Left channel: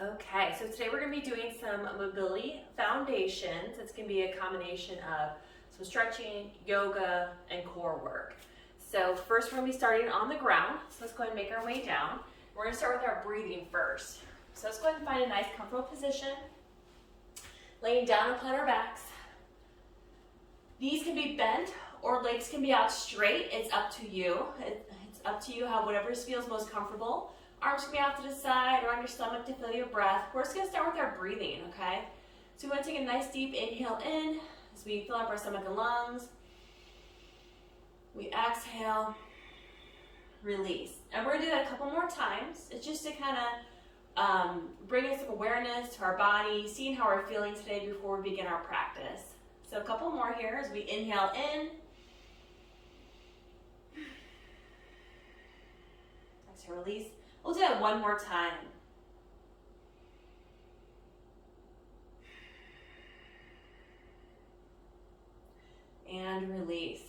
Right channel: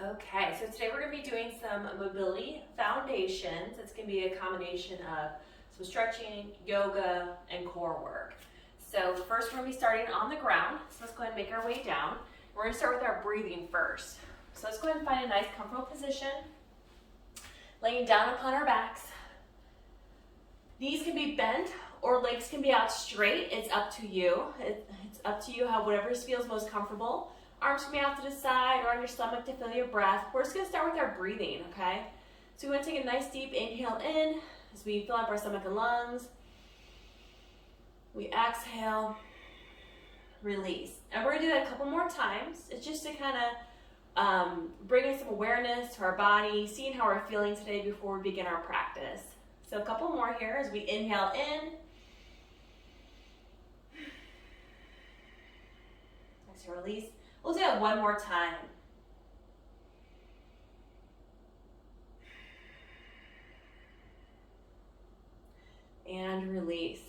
Okay, so today we're going to be doing some mobility foundations. It's going to be a combination of some stretching, yoga, and core work. So first we're going to be starting on the ground. So let's go ahead and make our way down. We're going to start with our breathing first. So let's go ahead and find a nice comfortable position. Laying down upon our backs. Knees can be bent or legs can be out straight. It's up to you. It's up to you how whatever feels most comfortable. Arms can be out to the side or on your stomach to feel your breath. We're just going to start with our breathing, okay? So we want to take a nice deep inhale in as we fill up our stomach and lungs. We exhale, release. And we're going to do that a couple more times. It's just to kind of bring in some awareness to our body, seeing how we're feeling today before we begin our practice. So a couple more here as we inhale in. Exhale, release. We'll do that one more time. And release.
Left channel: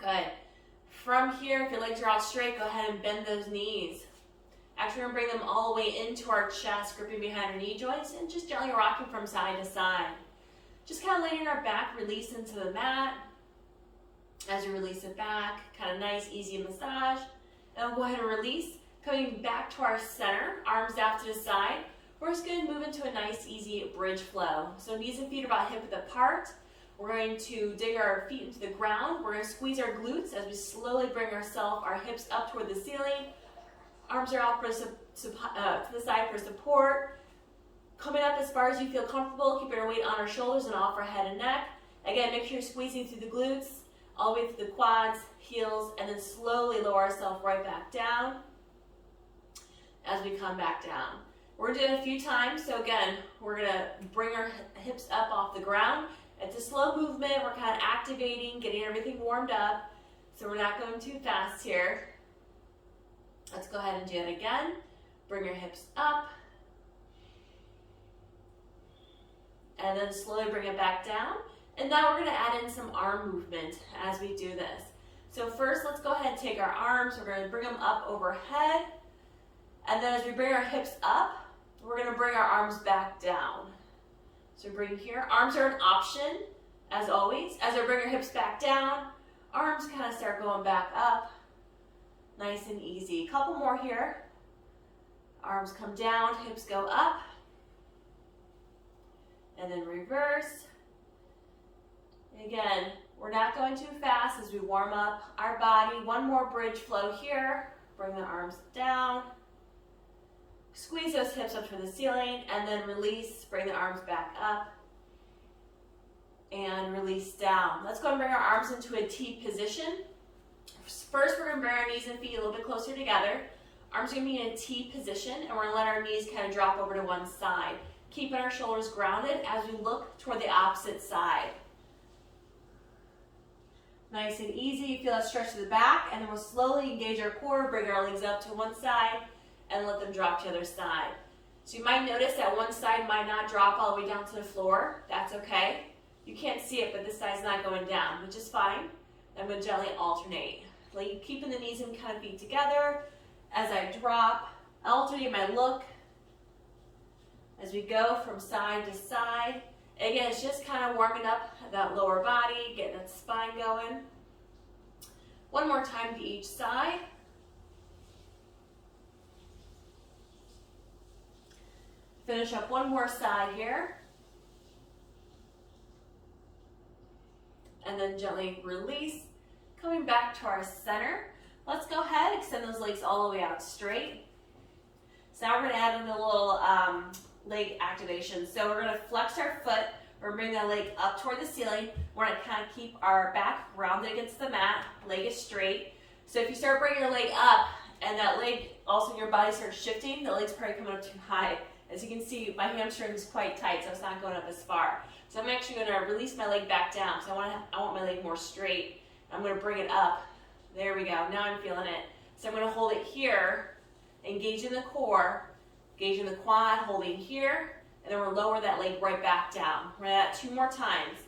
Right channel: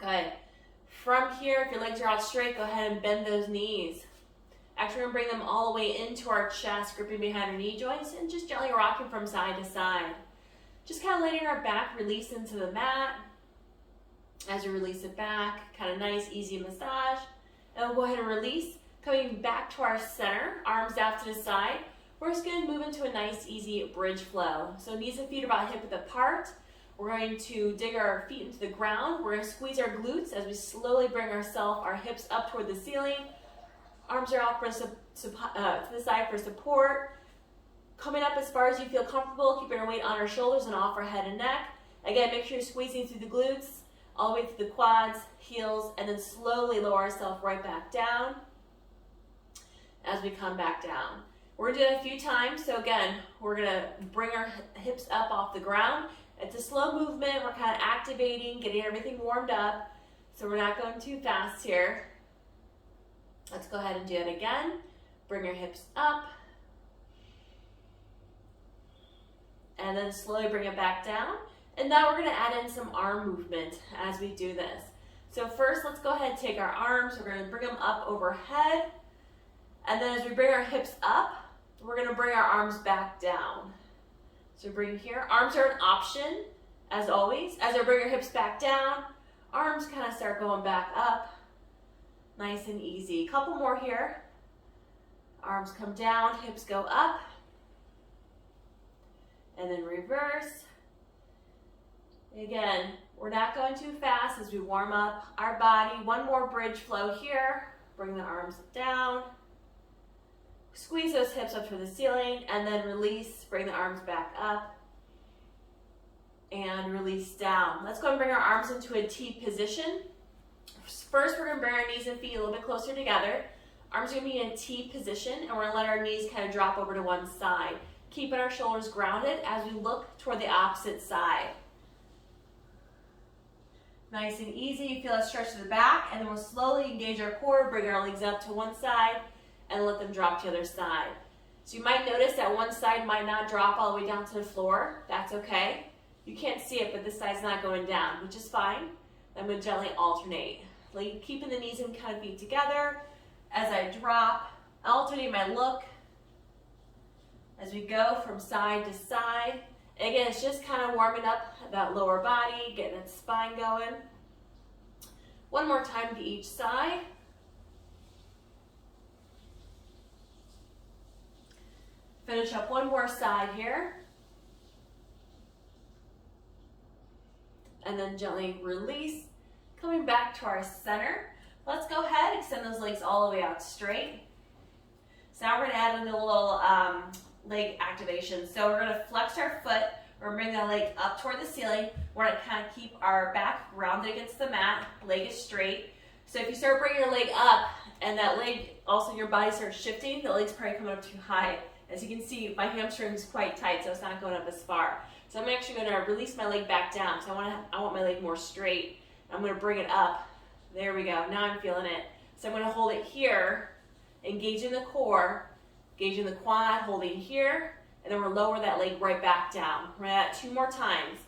Good. From here, if your legs are out straight, go ahead and bend those knees. Actually, we're going to bring them all the way into our chest, gripping behind our knee joints, and just gently rocking from side to side. Just kind of letting our back release into the mat. As you release it back, kind of nice, easy massage. And we'll go ahead and release. Coming back to our center, arms out to the side. We're just going to move into a nice, easy bridge flow. So knees and feet are about hip width apart. We're going to dig our feet into the ground. We're going to squeeze our glutes as we slowly bring our hips up toward the ceiling. Arms are out to the side for support. Coming up as far as you feel comfortable, keeping our weight on our shoulders and off our head and neck. Again, make sure you're squeezing through the glutes, all the way through the quads, heels, and then slowly lower ourselves right back down as we come back down. We're going to do it a few times. So again, we're going to bring our hips up off the ground. It's a slow movement. We're kind of activating, getting everything warmed up. So we're not going too fast here. Let's go ahead and do it again. Bring your hips up. And then slowly bring it back down. And now we're going to add in some arm movement as we do this. So first, let's go ahead and take our arms. We're going to bring them up overhead. And then as we bring our hips up, we're going to bring our arms back down. So bring here. Arms are an option, as always. As I bring our hips back down, arms kind of start going back up. Nice and easy. Couple more here. Arms come down, hips go up. And then reverse. Again, we're not going too fast as we warm up our body. One more bridge flow here. Bring the arms down. Squeeze those hips up to the ceiling and then release, bring the arms back up and release down. Let's go and bring our arms into a T position. First, we're going to bring our knees and feet a little bit closer together. Arms are going to be in a T position and we're going to let our knees kind of drop over to one side. Keeping our shoulders grounded as we look toward the opposite side. Nice and easy. You feel that stretch to the back and then we'll slowly engage our core, bring our legs up to one side and let them drop to the other side. So you might notice that one side might not drop all the way down to the floor. That's okay. You can't see it, but this side's not going down, which is fine. I'm going to gently alternate. Like keeping the knees and kind of feet together. As I drop, alternating my look as we go from side to side. Again, it's just kind of warming up that lower body, getting that spine going. One more time to each side. Finish up one more side here. And then gently release. Coming back to our center. Let's go ahead, extend those legs all the way out straight. So now we're going to add in a little leg activation. So we're going to flex our foot. We're going to bring that leg up toward the ceiling. We're going to kind of keep our back rounded against the mat. Leg is straight. So if you start bringing your leg up and that leg, also your body starts shifting, the leg's probably coming up too high. As you can see, my hamstring is quite tight, so it's not going up as far. So I'm actually going to release my leg back down. So I want my leg more straight. I'm going to bring it up. There we go. Now I'm feeling it. So I'm going to hold it here, engaging the core, engaging the quad, holding here, and then we'll lower that leg right back down. We're going to do that 2 more times.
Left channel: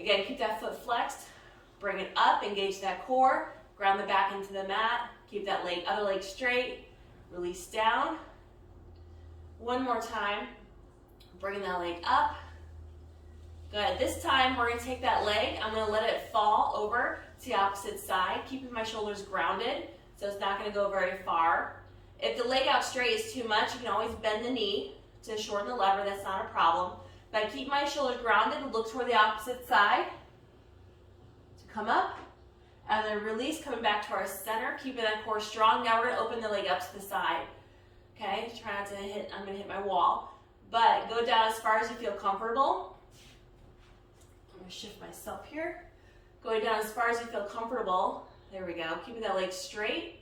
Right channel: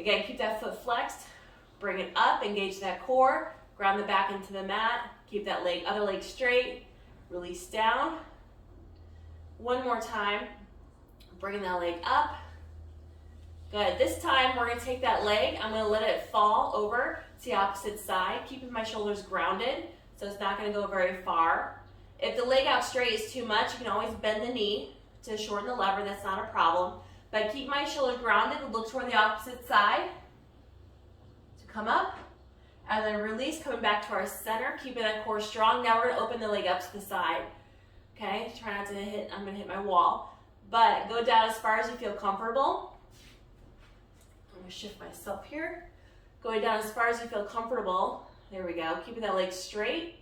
Again, keep that foot flexed, bring it up, engage that core, ground the back into the mat, keep that other leg straight, release down. One more time. Bring that leg up. Good. This time we're going to take that leg. I'm going to let it fall over to the opposite side, keeping my shoulders grounded so it's not going to go very far. If the leg out straight is too much, you can always bend the knee to shorten the lever. That's not a problem. But I keep my shoulders grounded and look toward the opposite side to come up. And then release, coming back to our center, keeping that core strong. Now we're going to open the leg up to the side. Okay, try not to hit, I'm going to hit my wall. But go down as far as you feel comfortable. I'm going to shift myself here. Going down as far as you feel comfortable. There we go. Keeping that leg straight.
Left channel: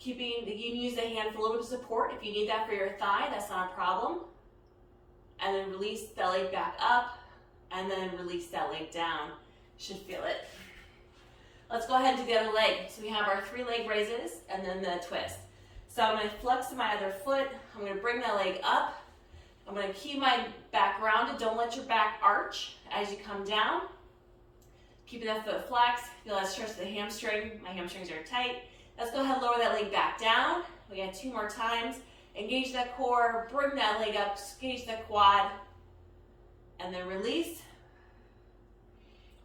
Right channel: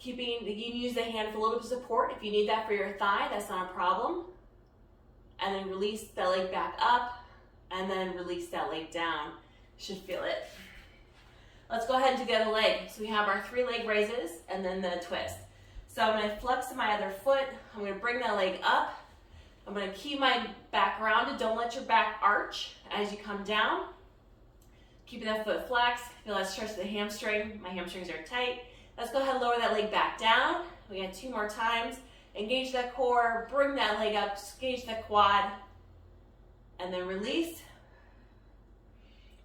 You can use the hand for a little bit of support. If you need that for your thigh, that's not a problem. And then release that leg back up. And then release that leg down. Should feel it. Let's go ahead and do the other leg. So we have our 3 leg raises and then the twist. So I'm going to flex my other foot. I'm going to bring that leg up. I'm going to keep my back rounded. Don't let your back arch as you come down. Keeping that foot flexed. Feel that stretch of the hamstring. My hamstrings are tight. Let's go ahead and lower that leg back down. We got 2 more times. Engage that core. Bring that leg up. Engage the quad. And then release.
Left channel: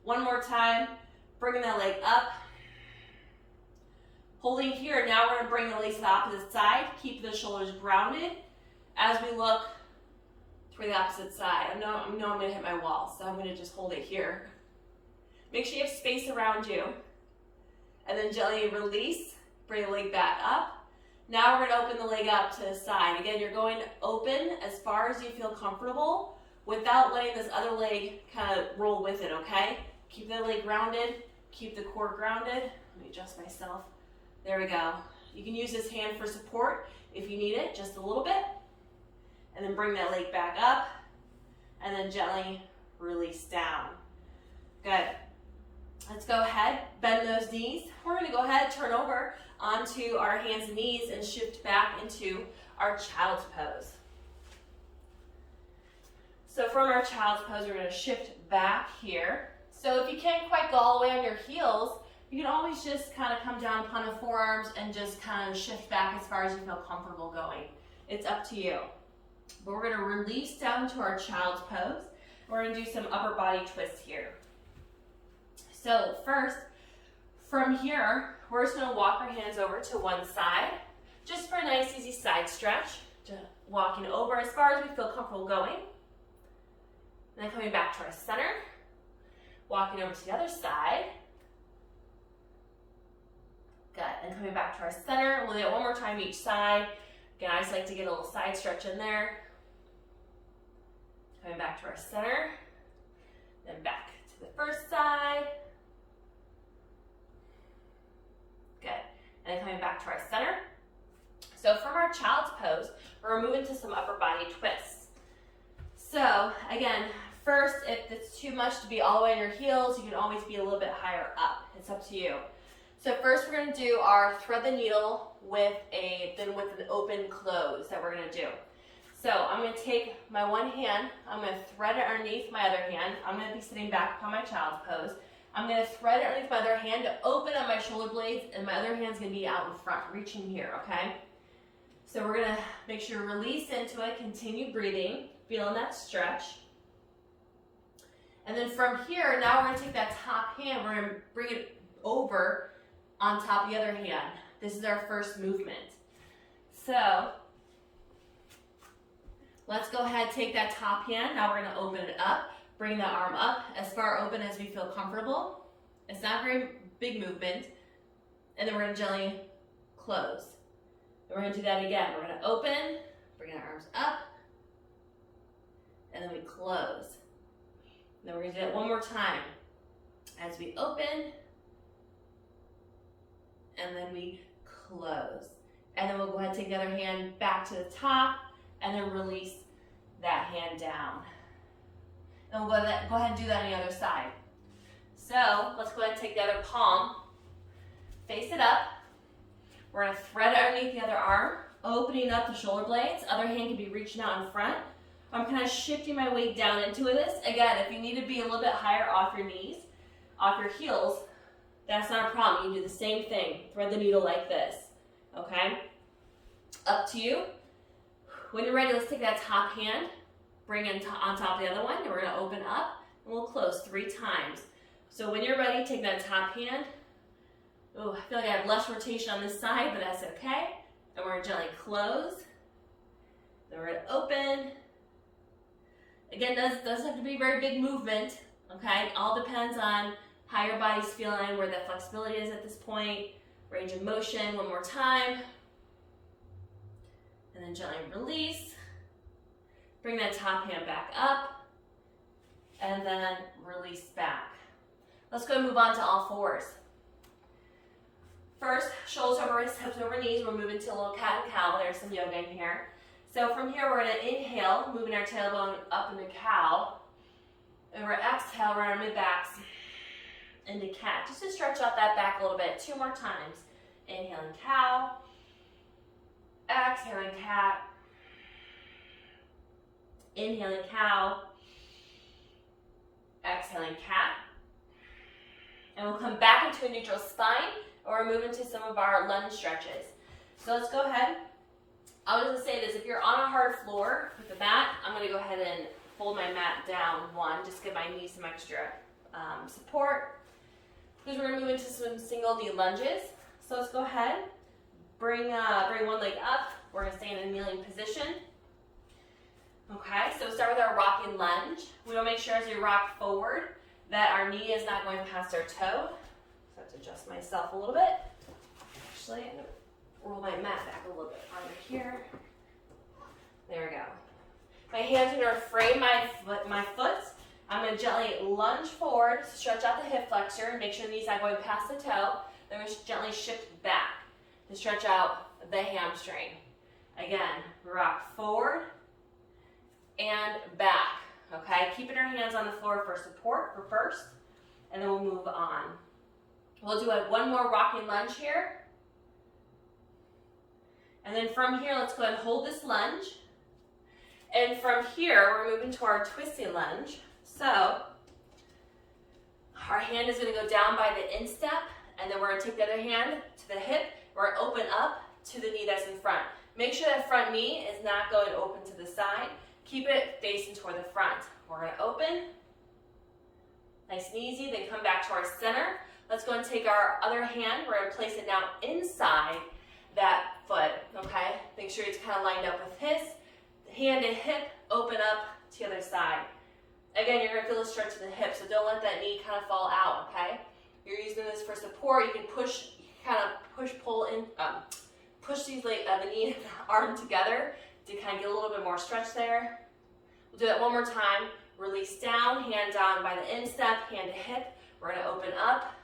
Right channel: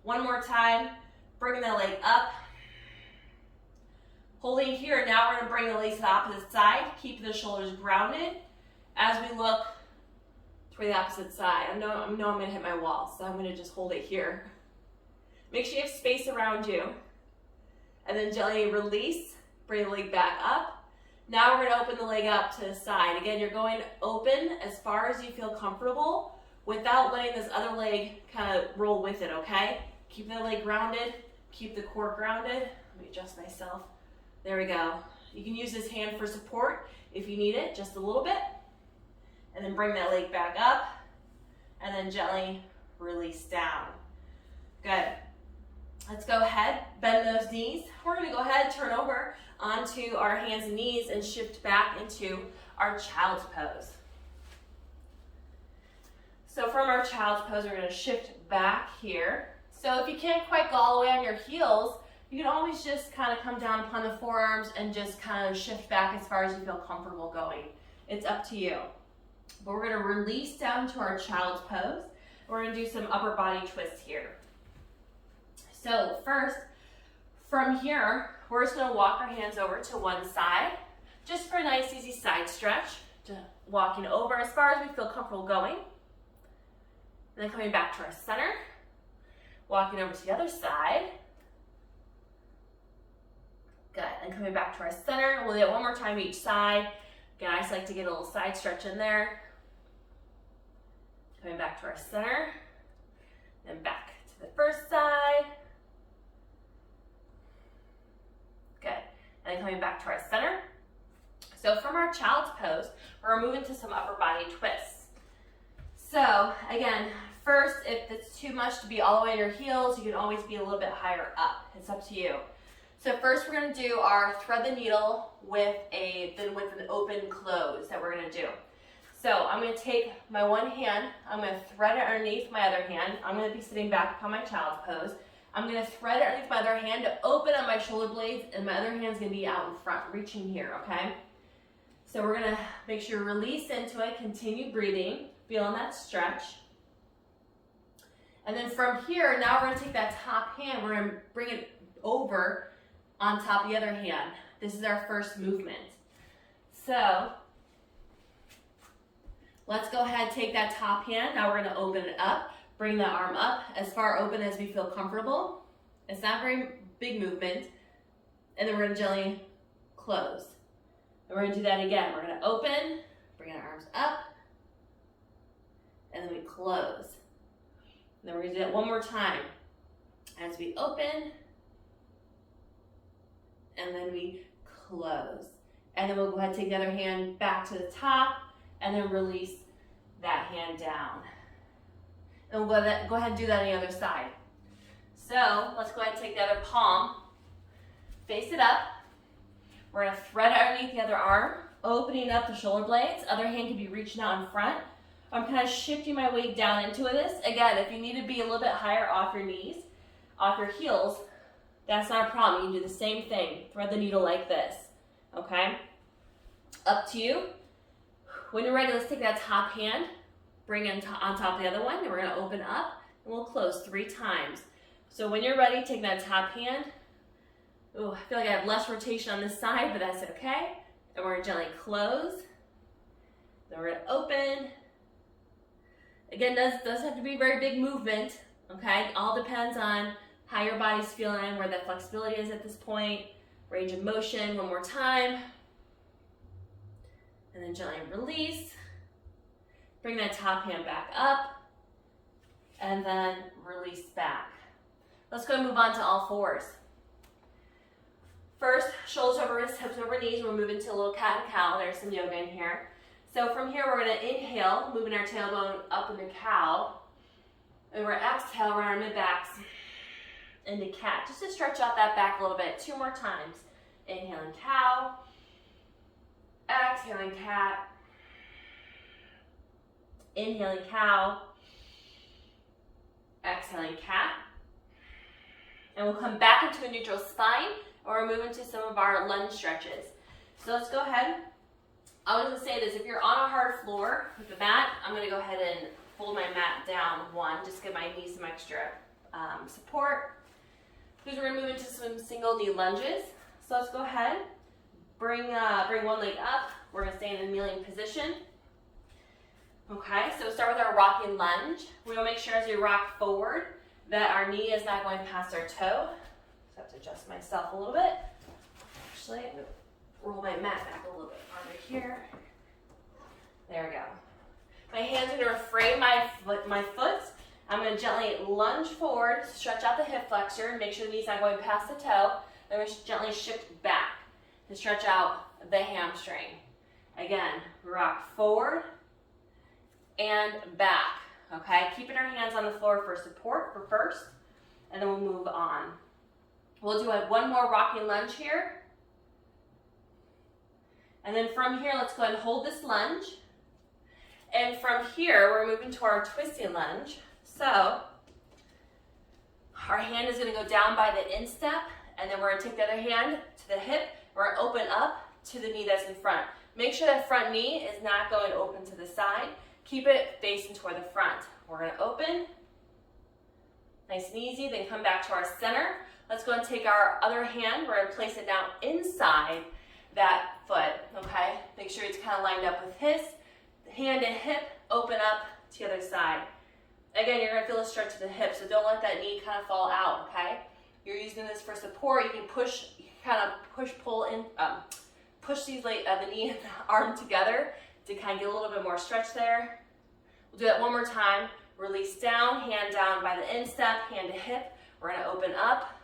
One more time. Bringing that leg up. Holding here. Now we're going to bring the legs to the opposite side. Keep the shoulders grounded as we look toward the opposite side. I know I'm going to hit my wall, so I'm going to just hold it here. Make sure you have space around you. And then gently release. Bring the leg back up. Now we're going to open the leg up to the side. Again, you're going open as far as you feel comfortable without letting this other leg kind of roll with it, okay? Keep that leg grounded. Keep the core grounded. Let me adjust myself. There we go. You can use this hand for support if you need it, just a little bit. And then bring that leg back up. And then gently release down. Good. Let's go ahead, bend those knees. We're going to go ahead and turn over onto our hands and knees and shift back into our child's pose. So from our child's pose, we're going to shift back here. So if you can't quite go all the way on your heels, you can always just kind of come down upon the forearms and just kind of shift back as far as you feel comfortable going. It's up to you. But we're going to release down to our child's pose. We're going to do some upper body twists here. So first, from here, we're just going to walk our hands over to one side, just for a nice easy side stretch. Just walking over as far as we feel comfortable going. And then coming back to our center, walking over to the other side. Good, and coming back to our center. We'll do it one more time each side. Again, I just like to get a little side stretch in there. Coming back to our center, then back to the first side. Good, and then coming back to our center. So from our child's pose, we're moving to some upper body twists. So again, first, if it's too much to be all the way on your heels, you can always be a little bit higher up. It's up to you. So first we're going to do our thread the needle with an open close that we're going to do. So I'm going to take my one hand, I'm going to thread it underneath my other hand. I'm going to be sitting back upon my child's pose. I'm going to thread it underneath my other hand to open up my shoulder blades, and my other hand's going to be out in front, reaching here, okay? So we're going to make sure you release into it, continue breathing, feeling that stretch. And then from here, now we're going to take that top hand, we're going to bring it over on top of the other hand. This is our first movement. So let's go ahead, take that top hand. Now we're going to open it up, bring the arm up as far open as we feel comfortable. It's not a very big movement. And then we're going to gently close. And we're going to do that again. We're going to open, bring our arms up, and then we close. And then we're going to do that one more time. As we open, and then we close. And then we'll go ahead and take the other hand back to the top, and then release that hand down. And we'll go ahead and do that on the other side. So let's go ahead and take the other palm, face it up. We're going to thread it underneath the other arm, opening up the shoulder blades. Other hand can be reaching out in front. I'm kind of shifting my weight down into this. Again, if you need to be a little bit higher off your knees, off your heels, that's not a problem. You can do the same thing. Thread the needle like this, okay? Up to you. When you're ready, let's take that top hand, bring it on top of the other one, and we're gonna open up, and we'll close 3 times. So when you're ready, take that top hand. Ooh, I feel like I have less rotation on this side, but that's okay. And we're gonna gently close. Then we're gonna open. Again, does have to be a very big movement, okay? It all depends on how your body's feeling, where that flexibility is at this point. Range of motion, one more time. And then gently release. Bring that top hand back up. And then release back. Let's go and move on to all fours. First, shoulders over wrists, hips over knees. We're moving to a little cat and cow. There's some yoga in here. So from here, we're going to inhale, moving our tailbone up into cow. And we're going to exhale, run our mid-backs into cat. Just to stretch out that back a little bit. 2 more times. Inhaling cow. Exhaling cat. Inhaling cow. Exhaling cat. And we'll come back into a neutral spine, or move into some of our lunge stretches. So let's go ahead. I was gonna say this, if you're on a hard floor with the mat, I'm gonna go ahead and fold my mat down 1, just give my knees some extra support. Because we're gonna move into some single knee lunges. So let's go ahead, bring one leg up. We're gonna stay in a kneeling position. Okay, so start with our rocking lunge. We wanna make sure as we rock forward that our knee is not going past our toe. So I have to adjust myself a little bit. Actually, I'm gonna roll my mat back a little bit under here. There we go. My hands are gonna frame my foot. I'm gonna gently lunge forward, stretch out the hip flexor, make sure the knee's not going past the toe. Then we're gently shift back to stretch out the hamstring. Again, rock forward and back. Okay, keeping our hands on the floor for support for first, and then we'll move on. We'll do one more rocking lunge here. And then from here, let's go ahead and hold this lunge. And from here, we're moving to our twisting lunge. So our hand is gonna go down by the instep, and then we're gonna take the other hand to the hip. We're gonna open up to the knee that's in front. Make sure that front knee is not going open to the side. Keep it facing toward the front. We're gonna open, nice and easy, then come back to our center. Let's go and take our other hand. We're gonna place it now inside that foot, okay? Make sure it's kind of lined up with his. Hand and hip, open up to the other side. Again, you're gonna feel a stretch to the hip, so don't let that knee kind of fall out, okay? You're using this for support. You can push, pull in, push these the knee and the arm together to kind of get a little bit more stretch there. We'll do that one more time. Release down, hand down by the instep, hand to hip. We're gonna open up.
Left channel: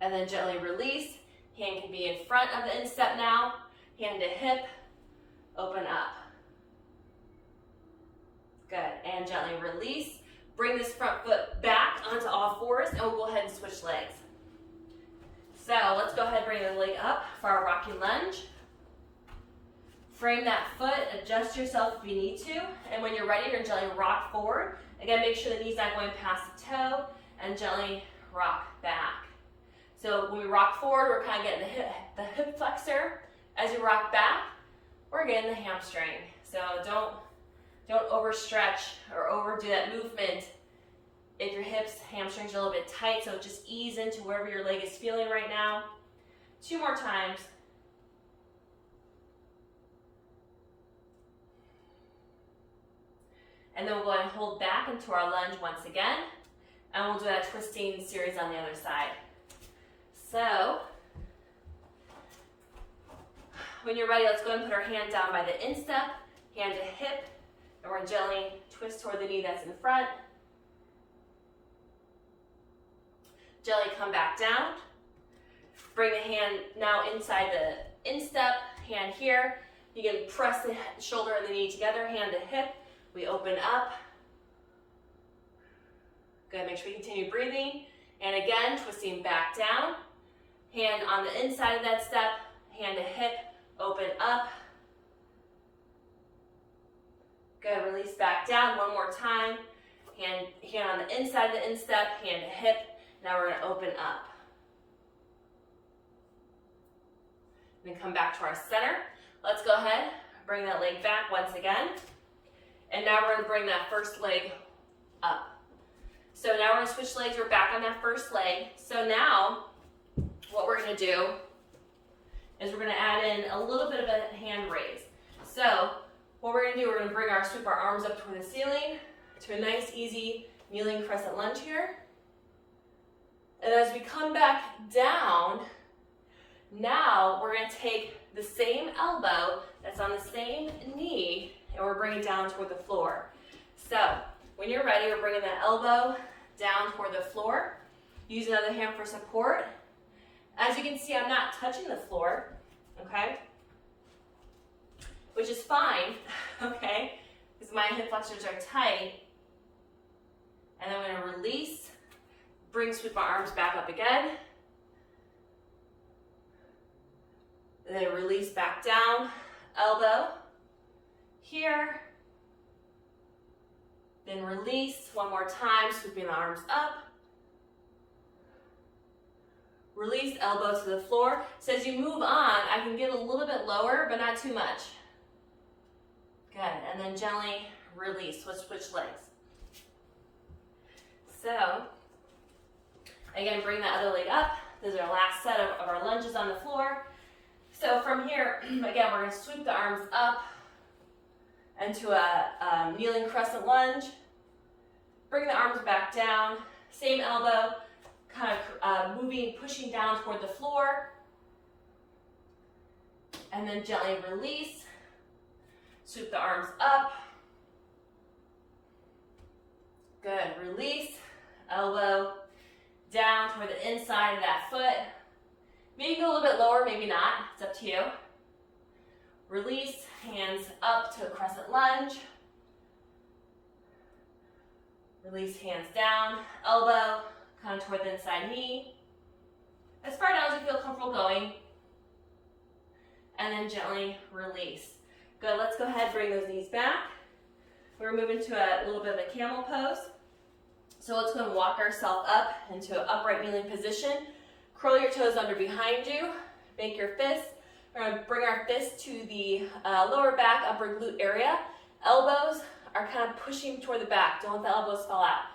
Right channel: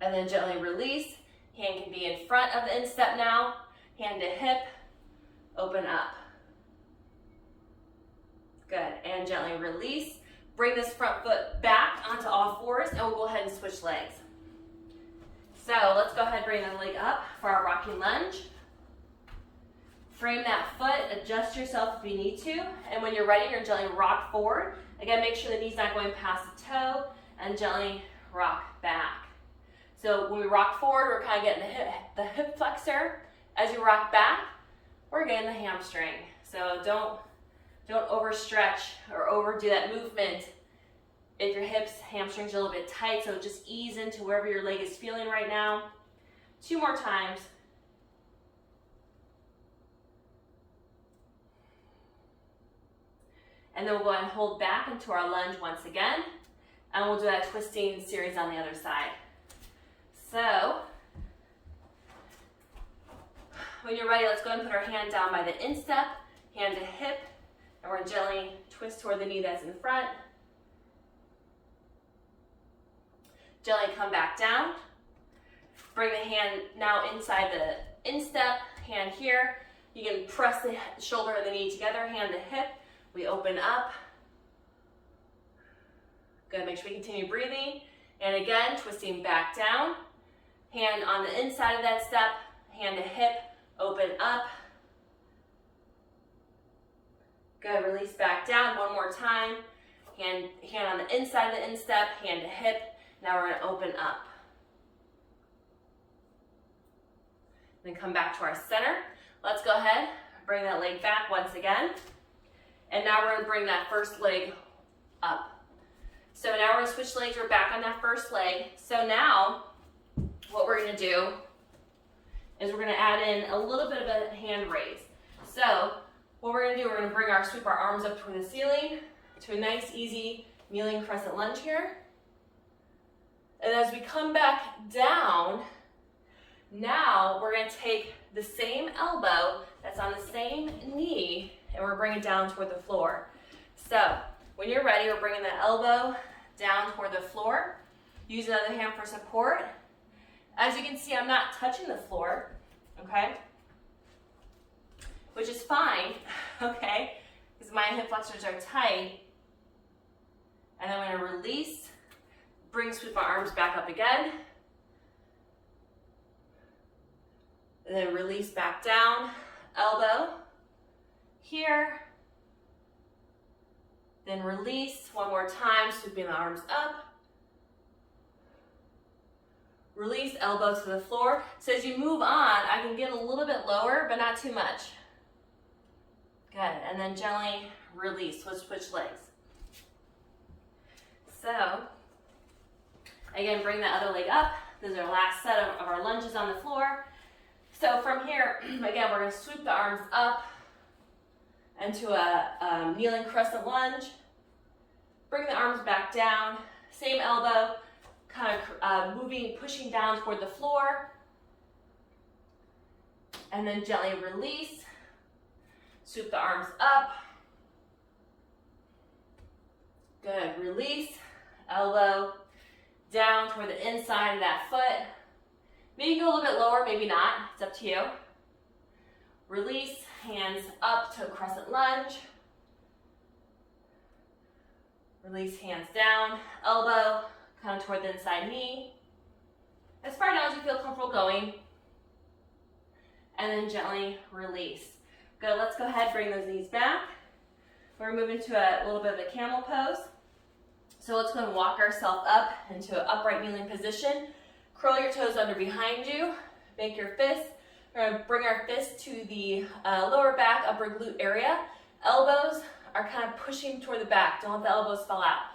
And then gently release. Hand can be in front of the instep now. Hand to hip, open up. Good, and gently release. Bring this front foot back onto all fours, and we'll go ahead and switch legs. So let's go ahead and bring the leg up for our rocking lunge. Frame that foot, adjust yourself if you need to, and when you're ready, you're gently rock forward. Again, make sure the knee's not going past the toe, and gently rock back. So when we rock forward, we're kind of getting the hip flexor. As you rock back, we're getting the hamstring. So don't overstretch or overdo that movement if your hips, hamstrings are a little bit tight, so just ease into wherever your leg is feeling right now. 2 more times. And then we'll go ahead and hold back into our lunge once again. And we'll do that twisting series on the other side. So, when you're ready, let's go ahead and put our hand down by the instep, hand to hip, and we're going to gently twist toward the knee that's in front. Gently come back down. Bring the hand now inside the instep, hand here. You can press the shoulder and the knee together, hand to hip. We open up. Good, make sure we continue breathing. And again, twisting back down. Hand on the inside of that step, hand to hip, open up. Good, release back down one more time. Hand on the inside of the instep, hand to hip. Now we're gonna open up. Then come back to our center. Let's go ahead, bring that leg back once again. And now we're gonna bring that first leg up. So now we're gonna switch legs, we're back on that first leg. So now, what we're gonna do is we're gonna add in a little bit of a hand raise. So what we're gonna do, we're gonna sweep our arms up toward the ceiling to a nice, easy kneeling crescent lunge here. And as we come back down, now we're gonna take the same elbow that's on the same knee and we're bringing it down toward the floor. So when you're ready, we're bringing that elbow down toward the floor. Use another hand for support. As you can see, I'm not touching the floor, okay? Which is fine, okay? Because my hip flexors are tight. And then I'm gonna release, sweep my arms back up again. And then release back down, elbow here. Then release one more time, sweeping the arms up. Release, elbow to the floor. So as you move on, I can get a little bit lower, but not too much. Good, and then gently release, switch legs. So, again, bring that other leg up. This is our last set of our lunges on the floor. So from here, again, we're gonna sweep the arms up into a kneeling crescent lunge. Bring the arms back down, same elbow, kind of pushing down toward the floor. And then gently release, sweep the arms up. Good, release, elbow down toward the inside of that foot. Maybe go a little bit lower, maybe not, it's up to you. Release, hands up to a crescent lunge. Release, hands down, elbow, kind of toward the inside knee. As far down as you feel comfortable going. And then gently release. Good, let's go ahead, bring those knees back. We're gonna move into a little bit of a camel pose. So let's go and walk ourselves up into an upright kneeling position. Curl your toes under behind you, make your fists. We're gonna bring our fists to the lower back, upper glute area. Elbows are kind of pushing toward the back. Don't let the elbows fall out.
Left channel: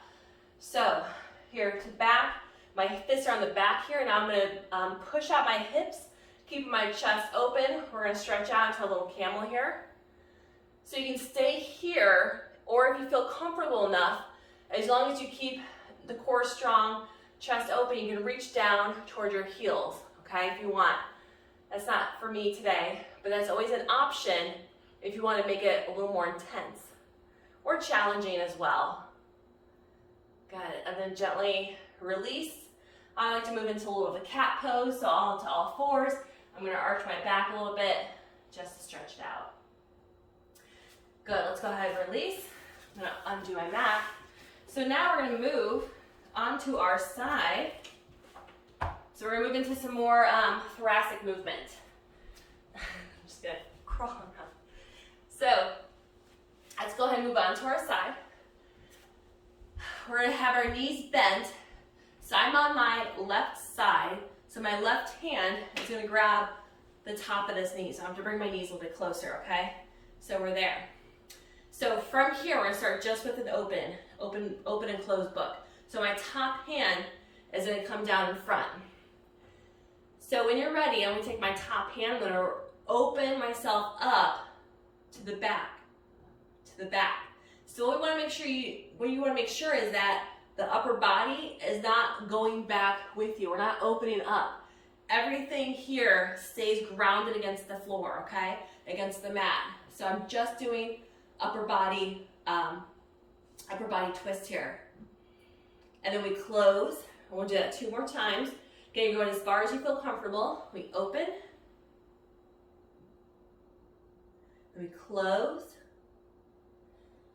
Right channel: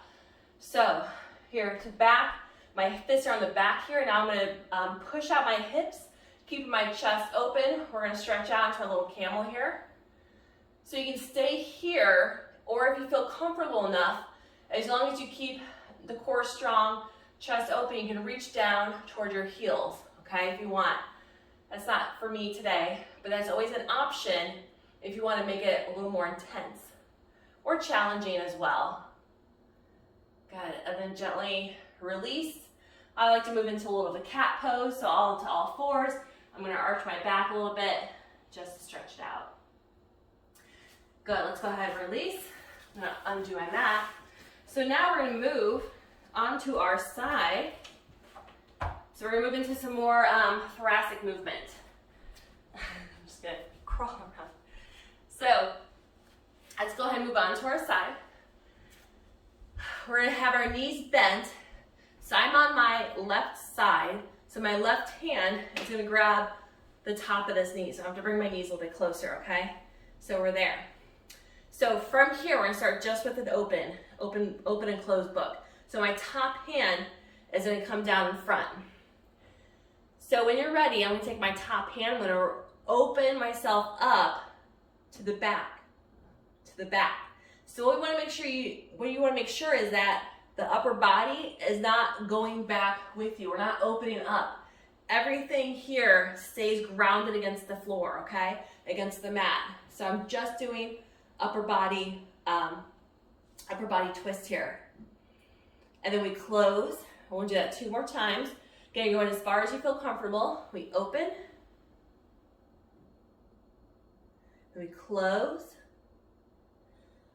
So here to back, my fists are on the back here. Now I'm gonna push out my hips, keep my chest open. We're gonna stretch out into a little camel here. So you can stay here, or if you feel comfortable enough, as long as you keep the core strong, chest open, you can reach down toward your heels, okay, if you want. That's not for me today, but that's always an option if you want to make it a little more intense or challenging as well. Good, and then gently release. I like to move into a little of a cat pose, so all into all fours. I'm gonna arch my back a little bit just to stretch it out. Good, let's go ahead and release. I'm gonna undo my mat. So now we're gonna move onto our side. So we're gonna move into some more thoracic movement. I'm just gonna crawl around. So let's go ahead and move on to our side. We're gonna have our knees bent. So I'm on my left side. So my left hand is gonna grab the top of this knee. So I have to bring my knees a little bit closer, okay? So we're there. So from here, we're gonna start just with an open and closed book. So my top hand is gonna come down in front. So when you're ready, I'm gonna take my top hand, I'm gonna open myself up to the back, So what you wanna make sure is that the upper body is not going back with you. We're not opening up. Everything here stays grounded against the floor, okay? Against the mat. So I'm just doing upper body twist here. And then we close. I want to do that 2 more times. You're gonna go in as far as you feel comfortable. We open. And we close.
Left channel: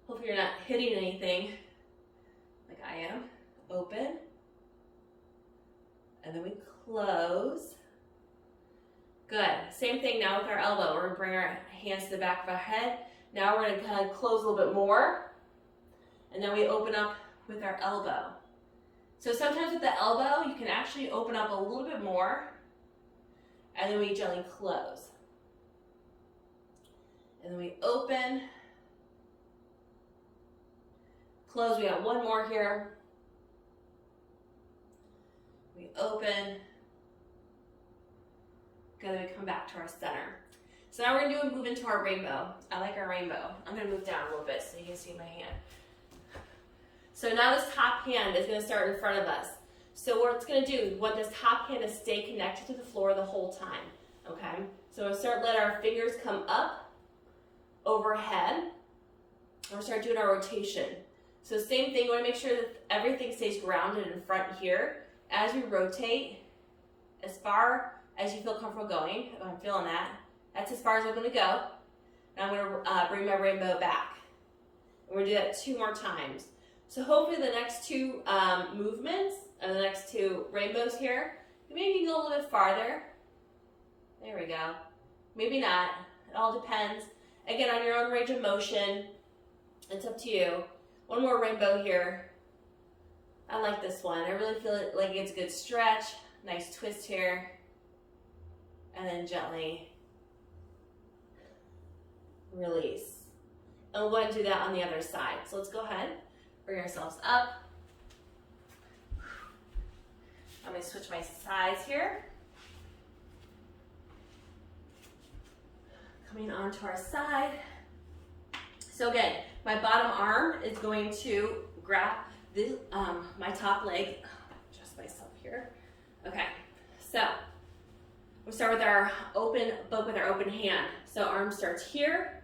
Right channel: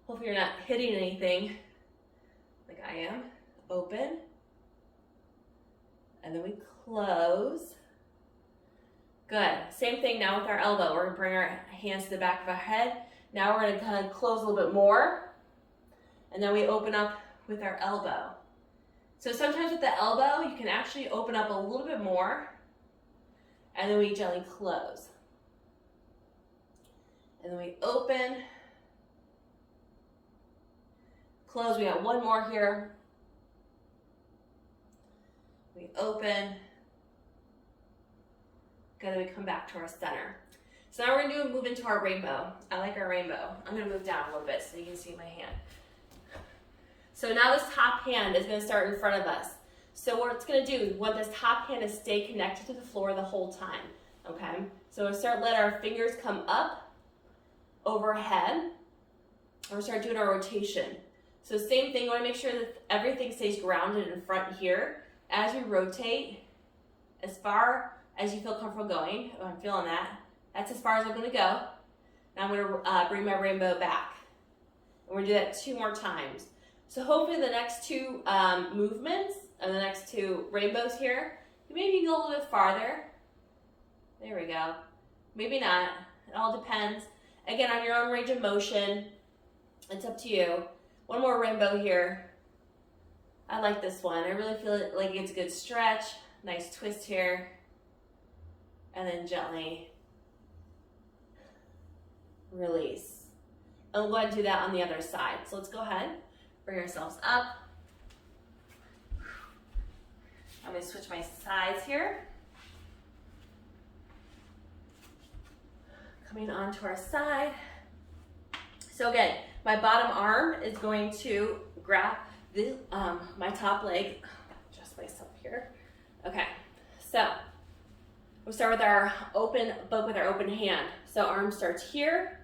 Hopefully you're not hitting anything like I am. Open. And then we close. Good. Same thing now with our elbow. We're gonna bring our hands to the back of our head. Now we're gonna kind of close a little bit more. And then we open up with our elbow. So sometimes with the elbow, you can actually open up a little bit more. And then we gently close. And then we open, close. We got one more here. We open. Good, then we come back to our center. So now we're gonna move into our rainbow. I like our rainbow. I'm gonna move down a little bit so you can see my hand. So now this top hand is gonna start in front of us. So what it's gonna do, we want this top hand to stay connected to the floor the whole time, okay? So we'll start letting our fingers come up, overhead, or start doing our rotation. So same thing, we wanna make sure that everything stays grounded in front here. As we rotate, as far as you feel comfortable going, oh, I'm feeling that. That's as far as I'm gonna go. Now I'm gonna bring my rainbow back. And we're gonna do that 2 more times. So hopefully the next 2 movements, or the next 2 rainbows here, maybe you can go a little bit farther. There we go. Maybe not, it all depends. Again, on your own range of motion, it's up to you. One more rainbow here. I like this one. I really feel like it's a good stretch. Nice twist here. And then gently release. And we'll go ahead and do that on the other side. So let's go ahead, bring ourselves up. I'm gonna switch my sides here. Coming onto our side. So again, my bottom arm is going to grab this, my top leg. Adjust myself here. Okay, so we'll start with our open book with our open hand. So arm starts here.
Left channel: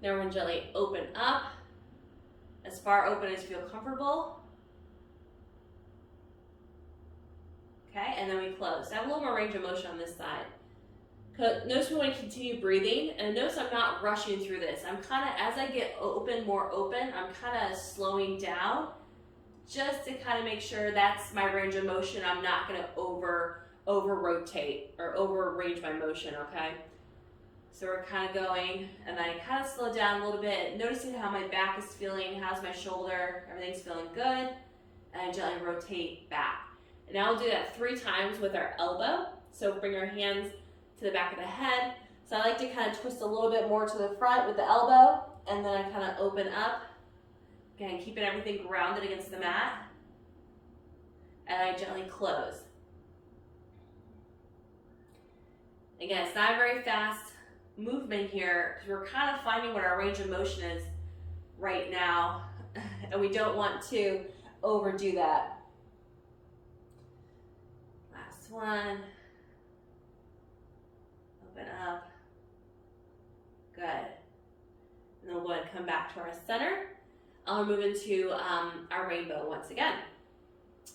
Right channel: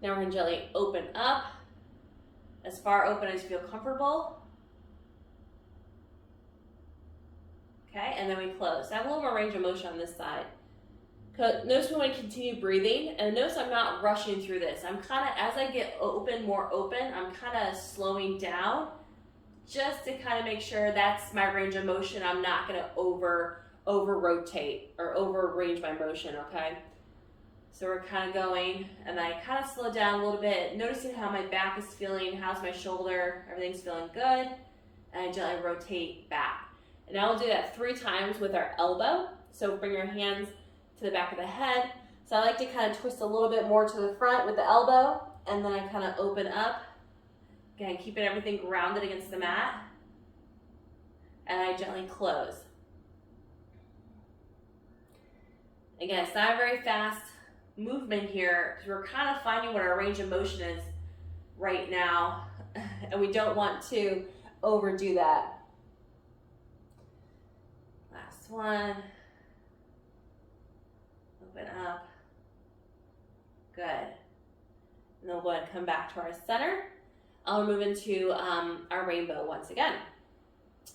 Now we're gonna gently open up, as far open as you feel comfortable. Okay, and then we close. So I have a little more range of motion on this side. Notice we want to continue breathing, and notice I'm not rushing through this. I'm kind of, as I get more open, I'm kind of slowing down just to kind of make sure that's my range of motion. I'm not going to over rotate or over range my motion, okay? So we're kind of going, and then I kind of slow down a little bit, noticing how my back is feeling, how's my shoulder, everything's feeling good, and I gently rotate back. And now we'll do that 3 times with our elbow. So bring our hands to the back of the head. So I like to kind of twist a little bit more to the front with the elbow, and then I kind of open up. Again, keeping everything grounded against the mat. And I gently close. Again, it's not a very fast movement here, because we're kind of finding what our range of motion is right now, and we don't want to overdo that. Last one. Open up. Good. And then we'll go ahead and come back to our center. I'll move into our rainbow once again.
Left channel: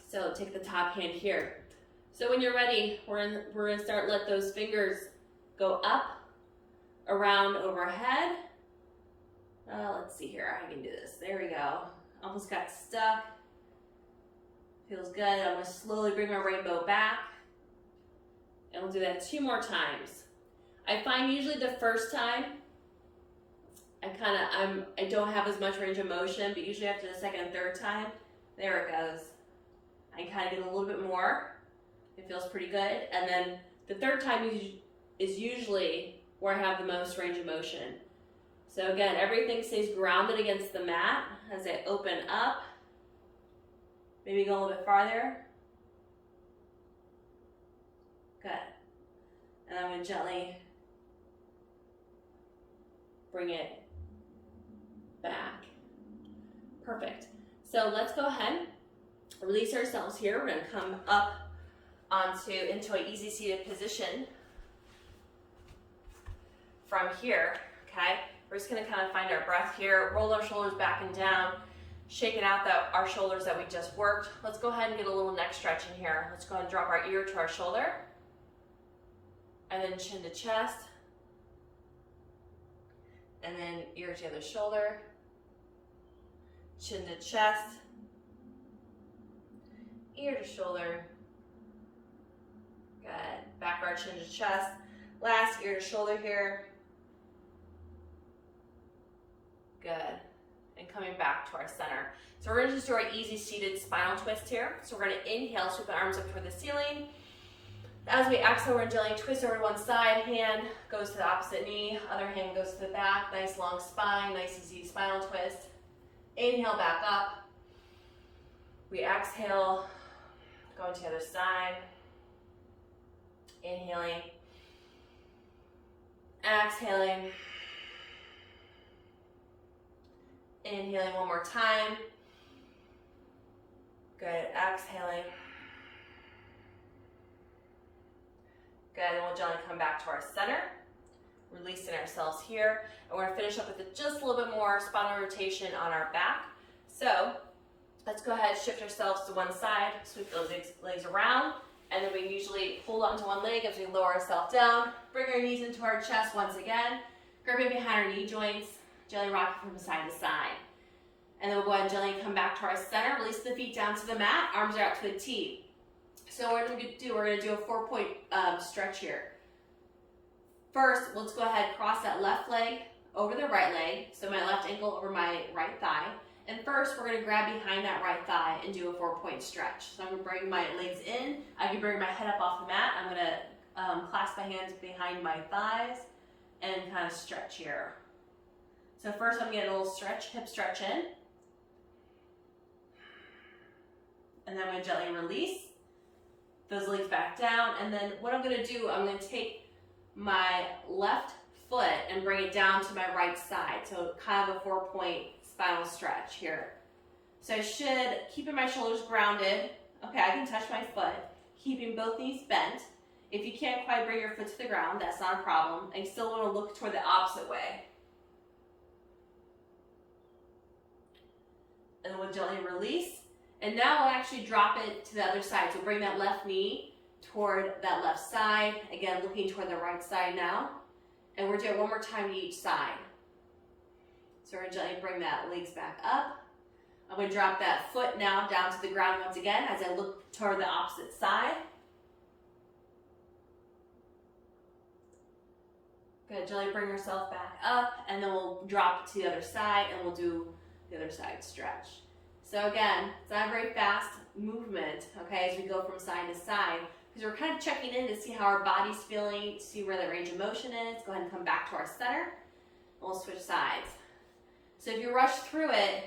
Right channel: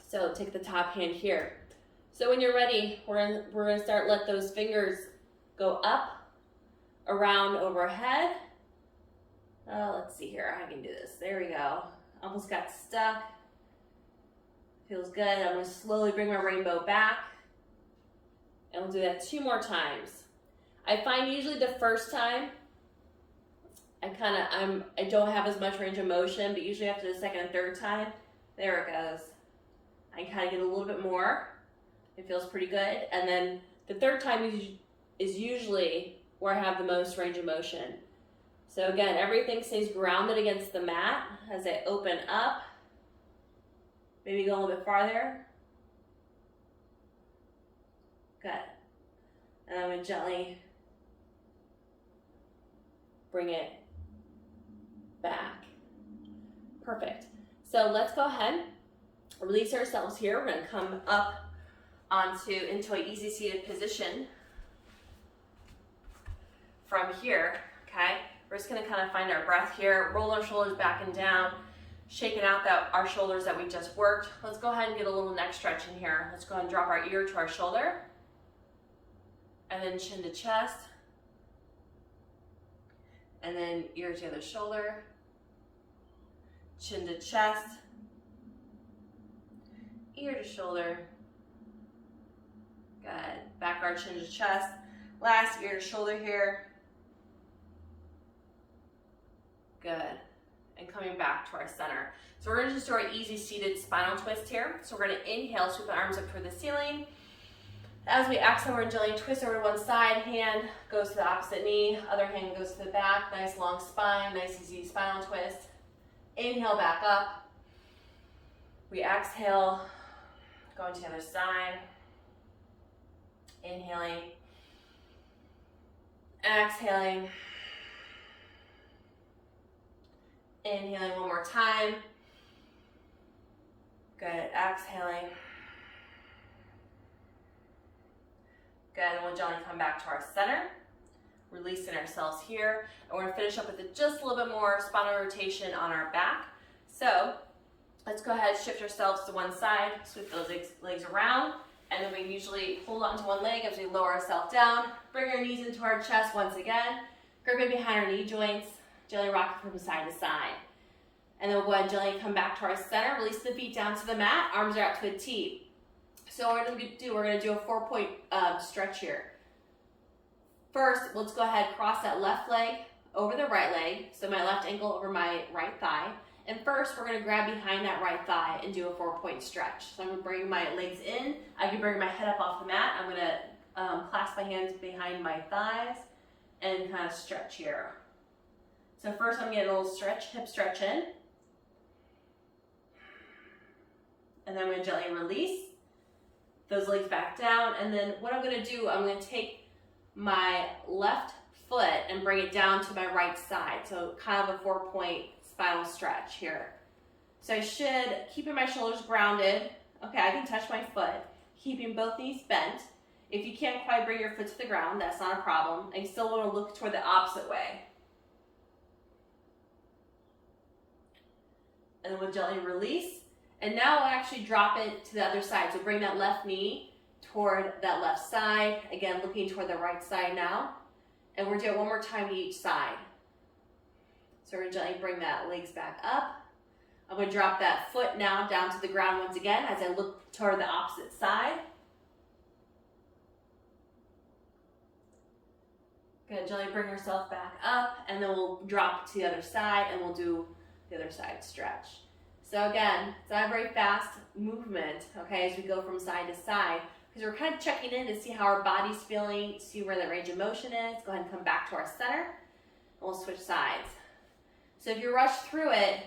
So take the top hand here. So when you're ready, we're gonna start, let those fingers go up, around, overhead. Oh, let's see here, I can do this. There we go. Almost got stuck. Feels good. I'm gonna slowly bring my rainbow back. And we'll do that 2 more times. I find usually the first time, I don't have as much range of motion, but usually after the second and third time, there it goes. I kind of get a little bit more. It feels pretty good. And then the third time is usually where I have the most range of motion. So again, everything stays grounded against the mat as I open up. Maybe go a little bit farther. Good. And I'm going to gently bring it back. Perfect. So let's go ahead, release ourselves here. We're going to come up into an easy seated position from here, okay? We're just going to kind of find our breath here, roll our shoulders back and down, shaking out our shoulders that we just worked. Let's go ahead and get a little neck stretch in here. Let's go ahead and drop our ear to our shoulder, and then chin to chest, and then ear to the other shoulder, chin to chest, ear to shoulder. Good. Back our chin to chest. Last, ear to shoulder here. Good. And coming back to our center. So we're going to just do our easy seated spinal twist here. So we're going to inhale, sweep the arms up toward the ceiling. As we exhale, we're going to gently twist over to one side. Hand goes to the opposite knee. Other hand goes to the back. Nice long spine. Nice easy spinal twist. Inhale, back up. We exhale, going to the other side. Inhaling. Exhaling. Inhaling one more time. Good. Exhaling. Good. And we'll gently come back to our center. Releasing ourselves here. And we're going to finish up with just a little bit more spinal rotation on our back. So let's go ahead and shift ourselves to one side. Sweep those legs around. And then we usually hold onto one leg as we lower ourselves down. Bring our knees into our chest once again. Gripping behind our knee joints. Gently rocking from side to side. And then we'll go ahead and gently come back to our center. Release the feet down to the mat. Arms are out to a T. So what we're going to do a 4-point stretch here. First, let's go ahead and cross that left leg over the right leg. So my left ankle over my right thigh. And first, we're going to grab behind that right thigh and do a 4-point stretch. So I'm going to bring my legs in. I can bring my head up off the mat. I'm going to clasp my hands behind my thighs and kind of stretch here. So first, I'm going to get a little stretch, hip stretch in. And then I'm going to gently release those legs back down. And then what I'm going to do, I'm going to take my left foot and bring it down to my right side. So kind of a 4-point spinal stretch here. So I should, keeping my shoulders grounded. Okay, I can touch my foot, keeping both knees bent. If you can't quite bring your foot to the ground, that's not a problem. I still want to look toward the opposite way. And then we'll gently release. And now we'll actually drop it to the other side. So bring that left knee toward that left side. Again, looking toward the right side now. And we're doing it one more time to each side. So we're going to gently bring that legs back up. I'm going to drop that foot now down to the ground once again as I look toward the opposite side. Good, gently bring ourselves back up, and then we'll drop to the other side and we'll do the other side stretch. So again, it's not a very fast movement, okay, as we go from side to side, because we're kind of checking in to see how our body's feeling, see where the range of motion is. Go ahead and come back to our center, and we'll switch sides. So if you rush through it,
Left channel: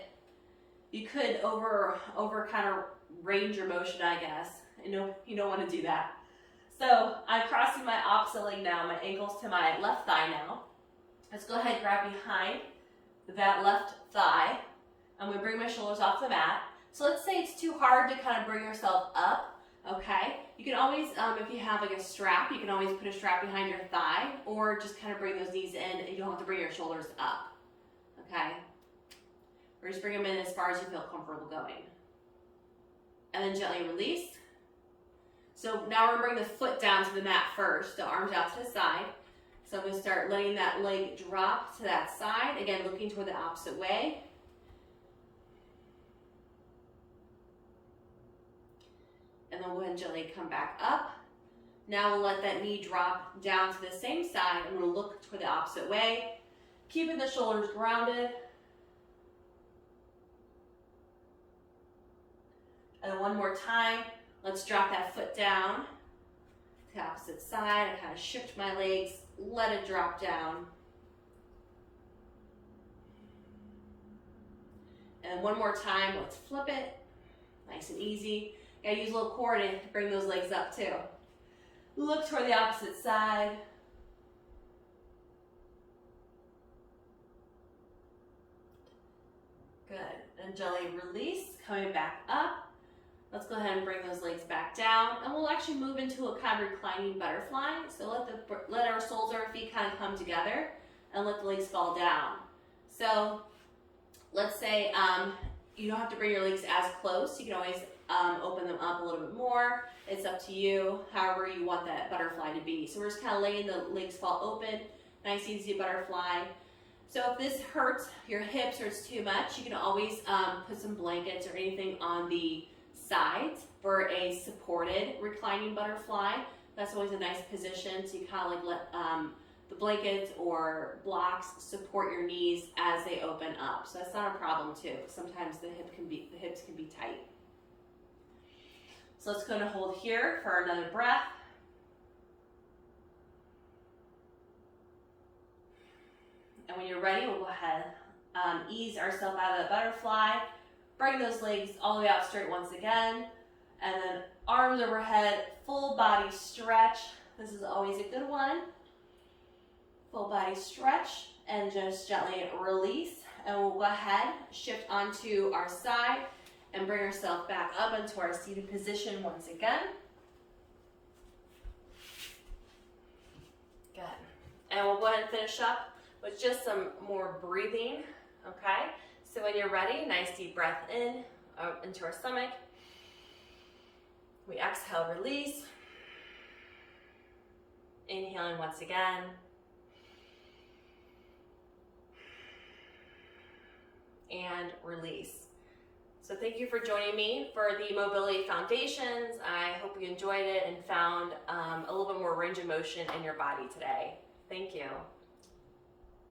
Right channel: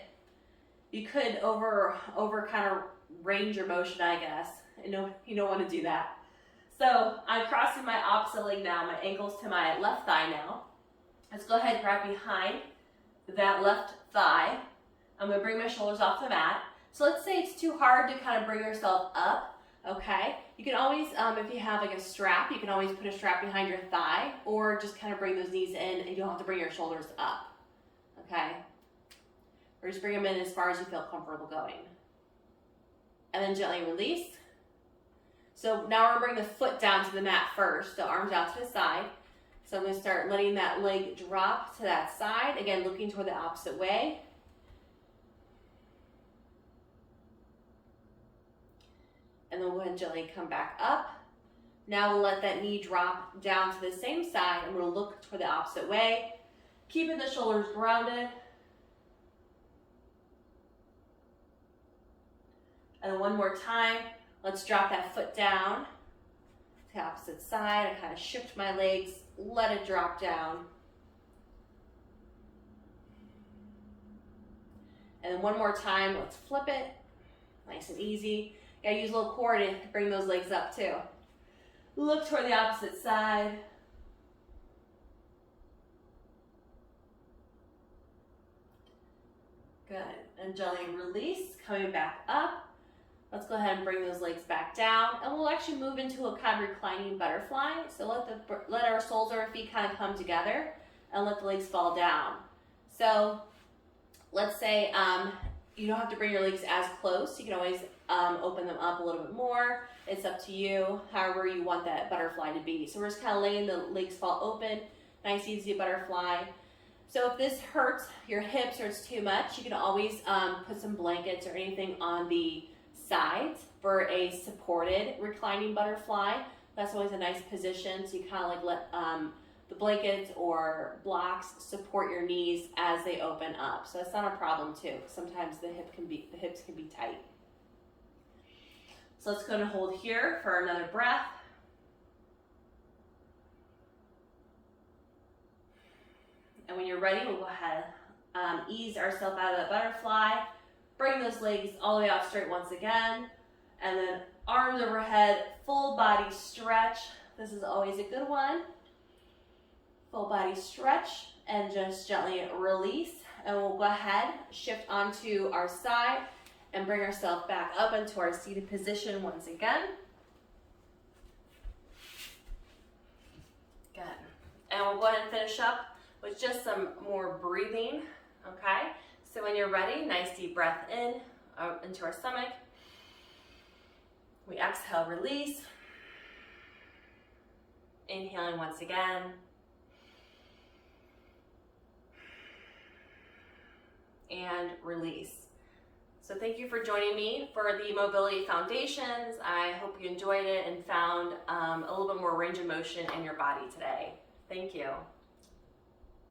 you could over kind of range your motion, I guess. You don't want to do that. So I'm crossing my opposite leg now, my ankles to my left thigh now. Let's go ahead and grab behind that left thigh. I'm going to bring my shoulders off the mat. So let's say it's too hard to kind of bring yourself up, okay? You can always, if you have like a strap, you can always put a strap behind your thigh, or just kind of bring those knees in and you don't have to bring your shoulders up, okay? Or just bring them in as far as you feel comfortable going. And then gently release. So now we're going to bring the foot down to the mat first, the arms out to the side. So I'm going to start letting that leg drop to that side, again looking toward the opposite way. And then we'll go ahead and gently come back up. Now we'll let that knee drop down to the same side and we'll look toward the opposite way, keeping the shoulders grounded. And one more time, let's drop that foot down to the opposite side. I kind of shift my legs, let it drop down. And then one more time, let's flip it, nice and easy. Gotta use a little core to bring those legs up too. Look toward the opposite side. Good, and gently release, coming back up. Let's go ahead and bring those legs back down, and we'll actually move into a kind of reclining butterfly. So let our soles of our feet kind of come together, and let the legs fall down. So let's say you don't have to bring your legs as close. You can always open them up a little bit more. It's up to you, however you want that butterfly to be. So we're just kind of letting the legs fall open, nice easy butterfly. So if this hurts your hips or it's too much, you can always put some blankets or anything on the sides for a supported reclining butterfly. That's always a nice position, so you kind of like let the blankets or blocks support your knees as they open up. So that's not a problem too. Sometimes the hips can be tight. So let's go and hold here for another breath. And when you're ready, we'll go ahead, ease ourselves out of that butterfly. Bring those legs all the way out straight once again. And then arms overhead, full body stretch. This is always a good one. Full body stretch and just gently release. And we'll go ahead, shift onto our side and bring ourselves back up into our seated position once again. Good. And we'll go ahead and finish up with just some more breathing, okay? So when you're ready, nice deep breath in, into our stomach. We exhale, release. Inhaling once again. And release. So thank you for joining me for the Mobility Foundations. I hope you enjoyed it and found a little bit more range of motion in your body today. Thank you.